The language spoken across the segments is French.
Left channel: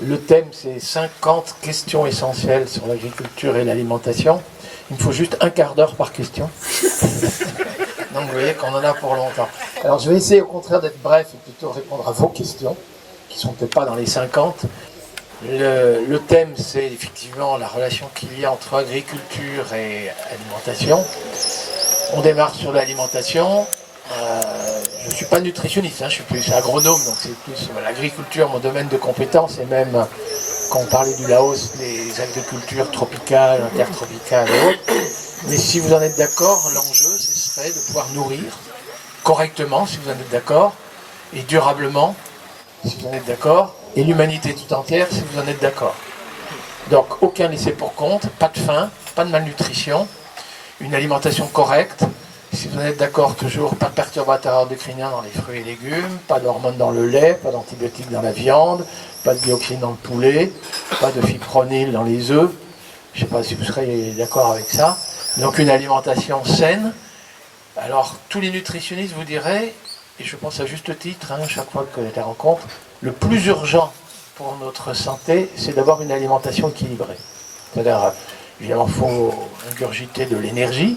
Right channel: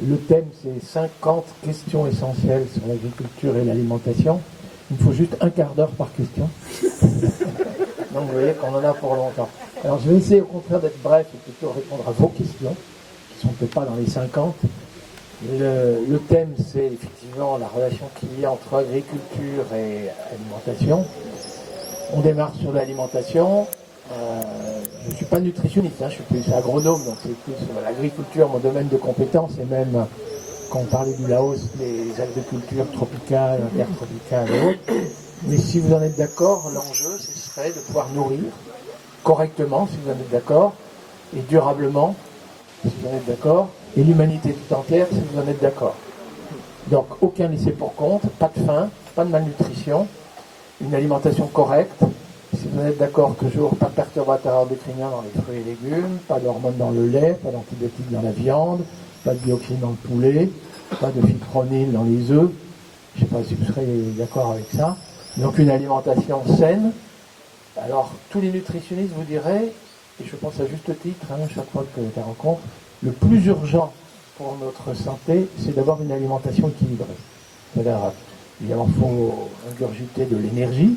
Le thème, c'est 50 questions essentielles sur l'agriculture et l'alimentation. Il me faut juste un quart d'heure par question. Donc vous voyez qu'on en a pour longtemps. Alors je vais essayer au contraire d'être bref et plutôt répondre à vos questions, qui ne sont peut-être pas dans les 50. Le thème, c'est effectivement la relation qu'il y a entre agriculture et alimentation. On démarre sur l'alimentation. Je ne suis pas nutritionniste, je suis plus agronome, donc c'est plus l'agriculture, mon domaine de compétence, et même quand on parlait du Laos, les agricultures tropicales, intertropicales et autres. Mais si vous en êtes d'accord, l'enjeu, ce serait de pouvoir nourrir correctement, si vous en êtes d'accord, et durablement, si vous en êtes d'accord, et l'humanité tout entière, si vous en êtes d'accord. Donc, aucun laissé pour compte, pas de faim, pas de malnutrition, une alimentation correcte. Si vous en êtes d'accord, toujours pas de perturbateurs endocriniens dans les fruits et légumes, pas d'hormones dans le lait, pas d'antibiotiques dans la viande, pas de dioxine dans le poulet, pas de fipronil dans les œufs. Je ne sais pas si vous serez d'accord avec ça. Donc une alimentation saine. Alors tous les nutritionnistes vous diraient, et je pense à juste titre, chaque fois que je les rencontre, le plus urgent pour notre santé, c'est d'avoir une alimentation équilibrée. C'est-à-dire, évidemment, il faut ingurgiter de l'énergie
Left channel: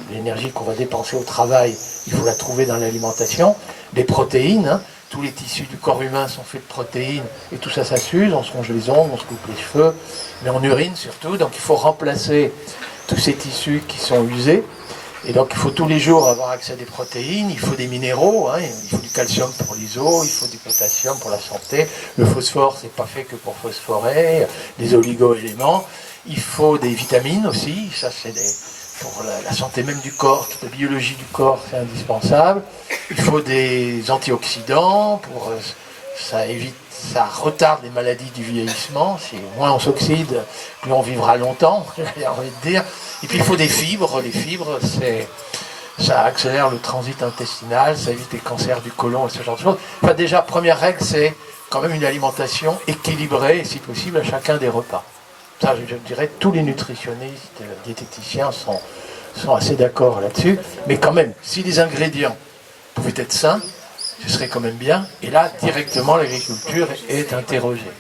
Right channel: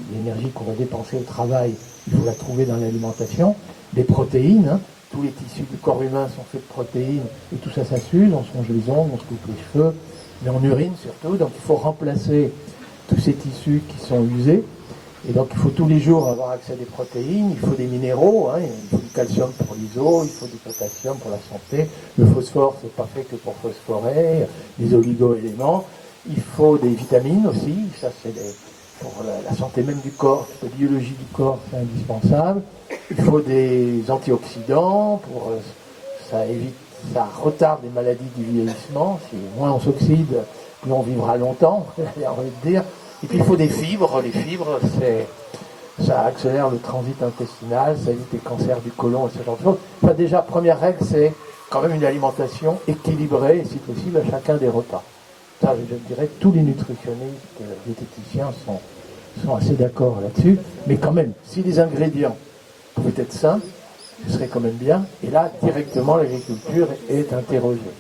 qu'on va dépenser au travail, il faut la trouver dans l'alimentation, des protéines, tous les tissus du corps humain sont faits de protéines, et tout ça, ça s'use, on se ronge les ongles, on se coupe les cheveux, mais on urine surtout, donc il faut remplacer tous ces tissus qui sont usés, et donc il faut tous les jours avoir accès à des protéines, il faut des minéraux, il faut du calcium pour les os, il faut du potassium pour la santé, le phosphore, c'est pas fait que pour phosphorer, les oligo-éléments, il faut des vitamines aussi, ça c'est pour la santé même du corps, la biologie du corps, c'est indispensable. Il faut des antioxydants, ça retarde les maladies du vieillissement. Si moins on s'oxyde, plus on vivra longtemps, j'ai envie de dire. Et puis il faut des fibres. Les fibres, ça accélère le transit intestinal, ça évite les cancers du côlon et ce genre de choses. Enfin, déjà, première règle, c'est quand même une alimentation équilibrée, et si possible, à chacun des repas. Ça, je dirais, tous les nutritionnistes, diététiciens sont assez d'accord là-dessus. Mais quand même, si les ingrédients pouvaient être sains, ce serait quand même bien. Et là, directement, l'agriculture est interrogée.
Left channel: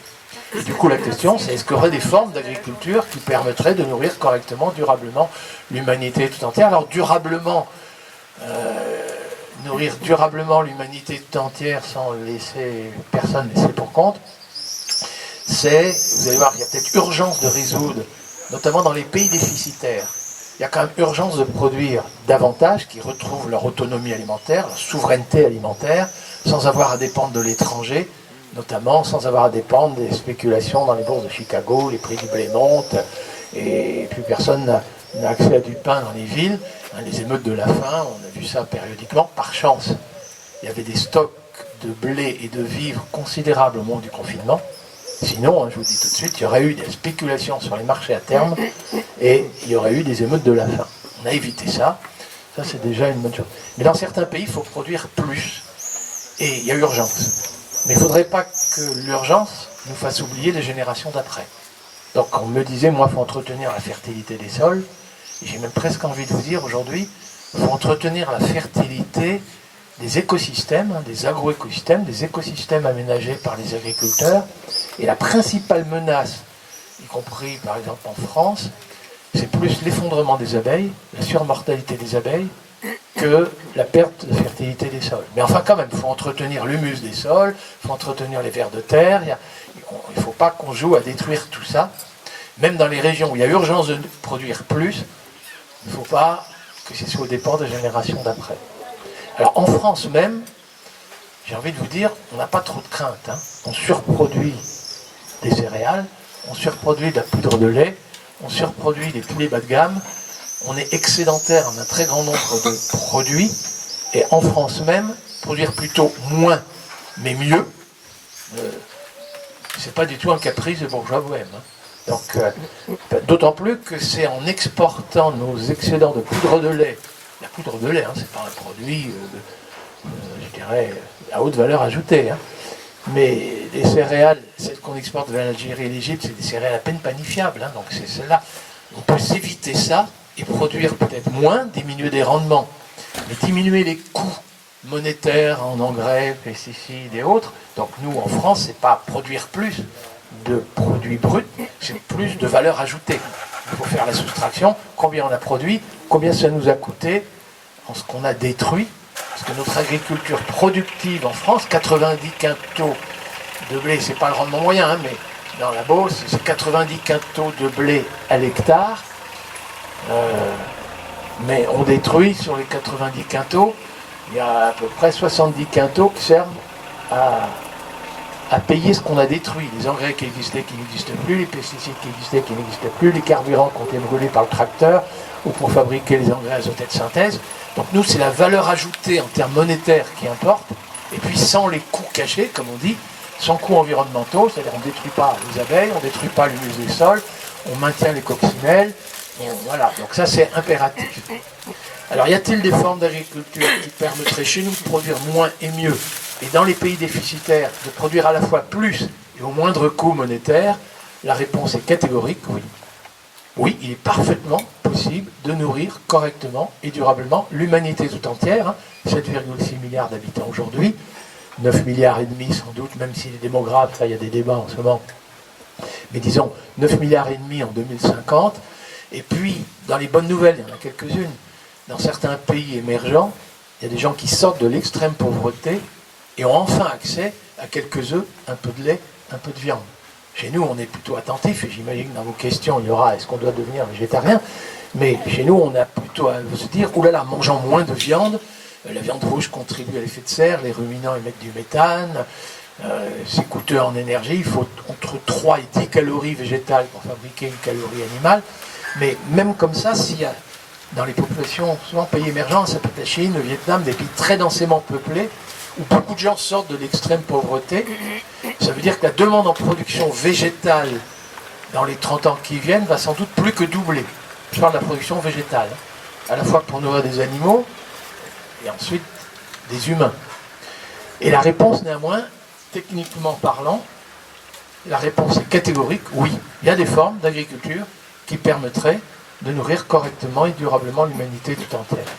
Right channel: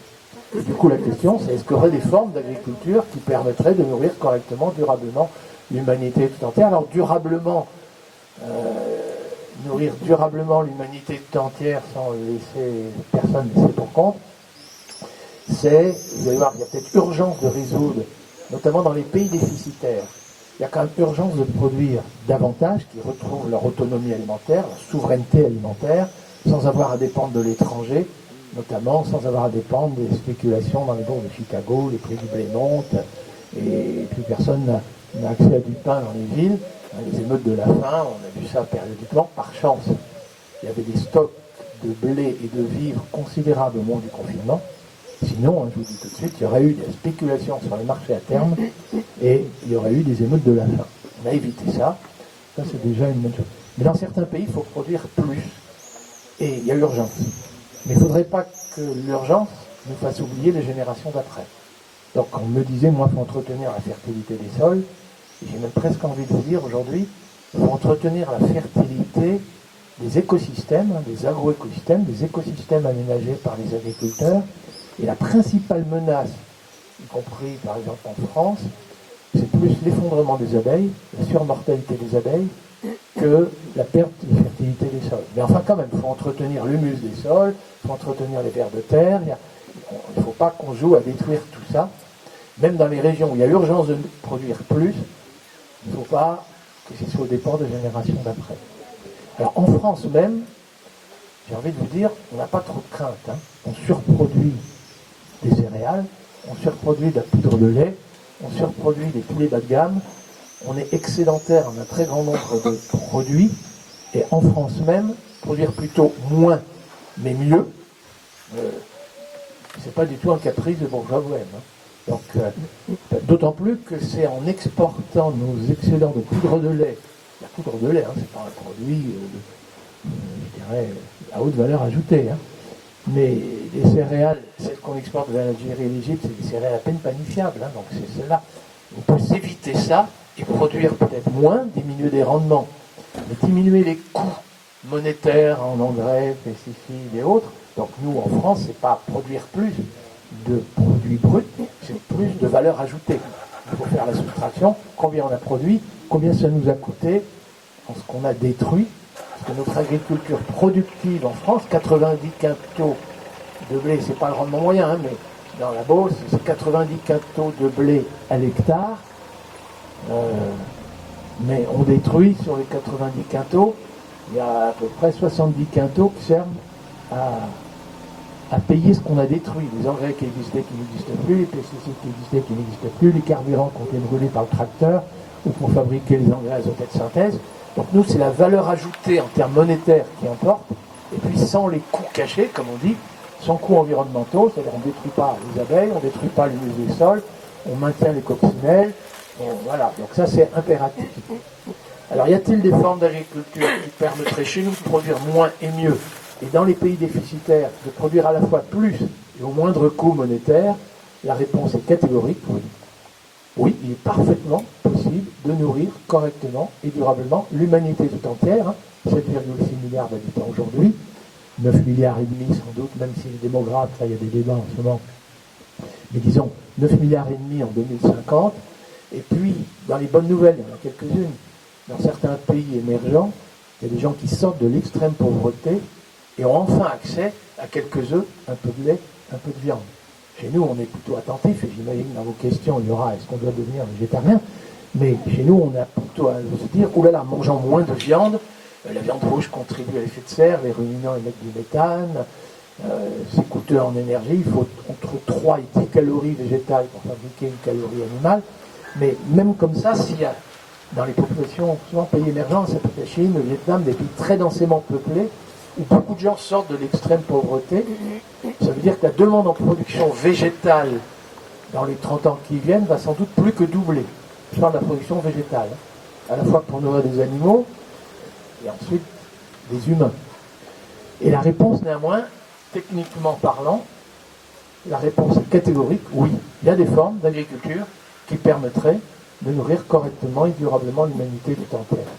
Et du coup, la question, c'est est-ce qu'il y aurait des formes d'agriculture qui permettraient de nourrir correctement, durablement, l'humanité tout entière? Alors, durablement, nourrir durablement l'humanité tout entière sans laisser personne laisser pour compte, vous allez voir, il y a peut-être urgence de résoudre, notamment dans les pays déficitaires. Il y a quand même urgence de produire davantage, qui retrouvent leur autonomie alimentaire, leur souveraineté alimentaire, sans avoir à dépendre de l'étranger, notamment sans avoir à dépendre des spéculations dans les bourses de Chicago, les prix du blé montent, et plus personne n'a accès à du pain dans les villes. Les émeutes de la faim, on a vu ça périodiquement, par chance. Il y avait des stocks de blé et de vivres considérables au moment du confinement. Sinon, je vous dis tout de suite, il y aurait eu des spéculations sur les marchés à terme et il y aurait eu des émeutes de la faim. On a évité ça. Ça, c'est déjà une bonne chose. Mais dans certains pays, il faut produire plus. Et il y a urgence. Mais il ne faudrait pas que l'urgence nous fasse oublier les générations d'après. Donc, on me disait, moi, il faut entretenir la fertilité des sols. Et j'ai même presque envie de vous dire, aujourd'hui, il faut entretenir la fertilité des écosystèmes, des agroécosystèmes, des écosystèmes aménagés par les agriculteurs. Et la principale menace, y compris par exemple en France, c'est plus l'effondrement des abeilles, la surmortalité des abeilles, que la perte de fertilité des sols. Mais enfin quand même, il faut entretenir l'humus des sols, il faut entretenir les vers de terre, il ne faut pas qu'on joue à détruire tout ça. Même dans les régions où il y a urgence de produire plus, il ne faut pas que ce soit au dépend des générations d'après. Alors en France même, j'ai envie de vous dire, on n'a pas trop de crainte. On surproduit des céréales, on surproduit de la poudre de lait, on surproduit des poulets bas de gamme, on est excédentaire en un très grand nombre de produits, et en France même, produire plutôt moins, mais mieux, c'est pas du tout un caprice de bourgeois bohème. Donc, d'autant plus que c'est en exportant nos excédents de poudre de lait, la poudre de lait, c'est pas un produit, je dirais, à haute valeur ajoutée, mais les céréales, celles qu'on exporte vers l'Algérie et l'Égypte, c'est des céréales à peine panifiables. Donc c'est celle-là. On peut s'éviter ça et produire peut-être moins, diminuer des rendements. Mais diminuer les coûts monétaires en engrais, pesticides et autres. Donc nous, en France, c'est pas produire plus de produits produit brut, c'est plus de valeur ajoutée. Il faut faire la soustraction, combien on a produit, combien ça nous a coûté, en ce qu'on a détruit. Parce que notre agriculture productive en France, 90 quintaux de blé, c'est pas le rendement moyen, hein, mais dans la Beauce, c'est 90 quintaux de blé à l'hectare. Mais on détruit sur les 90 quintaux, il y a à peu près 70 quintaux qui servent à payer ce qu'on a détruit. Les engrais qui existaient, qui n'existent plus, les pesticides qui existaient, qui n'existent plus, les carburants qui ont été brûlés par le tracteur, ou pour fabriquer les engrais azotés de synthèse. Donc nous, c'est la valeur ajoutée en termes monétaires qui importe, et puis sans les coûts cachés, comme on dit, sans coûts environnementaux, c'est-à-dire on ne détruit pas les abeilles, on ne détruit pas l'humus des sols, on maintient les coccinelles, voilà, donc ça c'est impératif. Alors y a-t-il des formes d'agriculture qui permettraient chez nous de produire moins et mieux, et dans les pays déficitaires de produire à la fois plus et au moindre coût monétaire? La réponse est catégorique, oui. Oui, il est parfaitement possible de nourrir correctement et durablement l'humanité tout entière, hein, 7,6 milliards d'habitants aujourd'hui, 9 milliards et demi sans doute, même si les démographes, ça il y a des débats en ce moment, mais disons 9 milliards et demi en 2050, et puis dans les bonnes nouvelles, il y en a quelques-unes, dans certains pays émergents, il y a des gens qui sortent de l'extrême pauvreté et ont enfin accès à quelques œufs, un peu de lait, un peu de viande. Chez nous, on est plutôt attentif, et j'imagine que dans vos questions, il y aura est-ce qu'on doit devenir végétarien, mais chez nous, on a plutôt à se dire, oulala, mangeons moins de viande, la viande rouge contribue à l'effet de serre, les ruminants émettent du méthane, c'est coûteux en énergie, il faut entre 3 et 10 calories végétales pour fabriquer une calorie animale, mais même comme ça, s'il y a dans les populations, souvent pays émergents, ça peut être la Chine, le Vietnam, des pays très densément peuplés, où beaucoup de gens sortent de l'extrême pauvreté, ça veut dire que la demande en production végétale dans les 30 ans qui viennent va sans doute plus que doubler. Je parle de la production végétale, à la fois pour nourrir des animaux et ensuite des humains. Et la réponse néanmoins, techniquement parlant, la réponse est catégorique, oui. Il y a des formes d'agriculture qui permettraient de nourrir correctement et durablement l'humanité tout entière.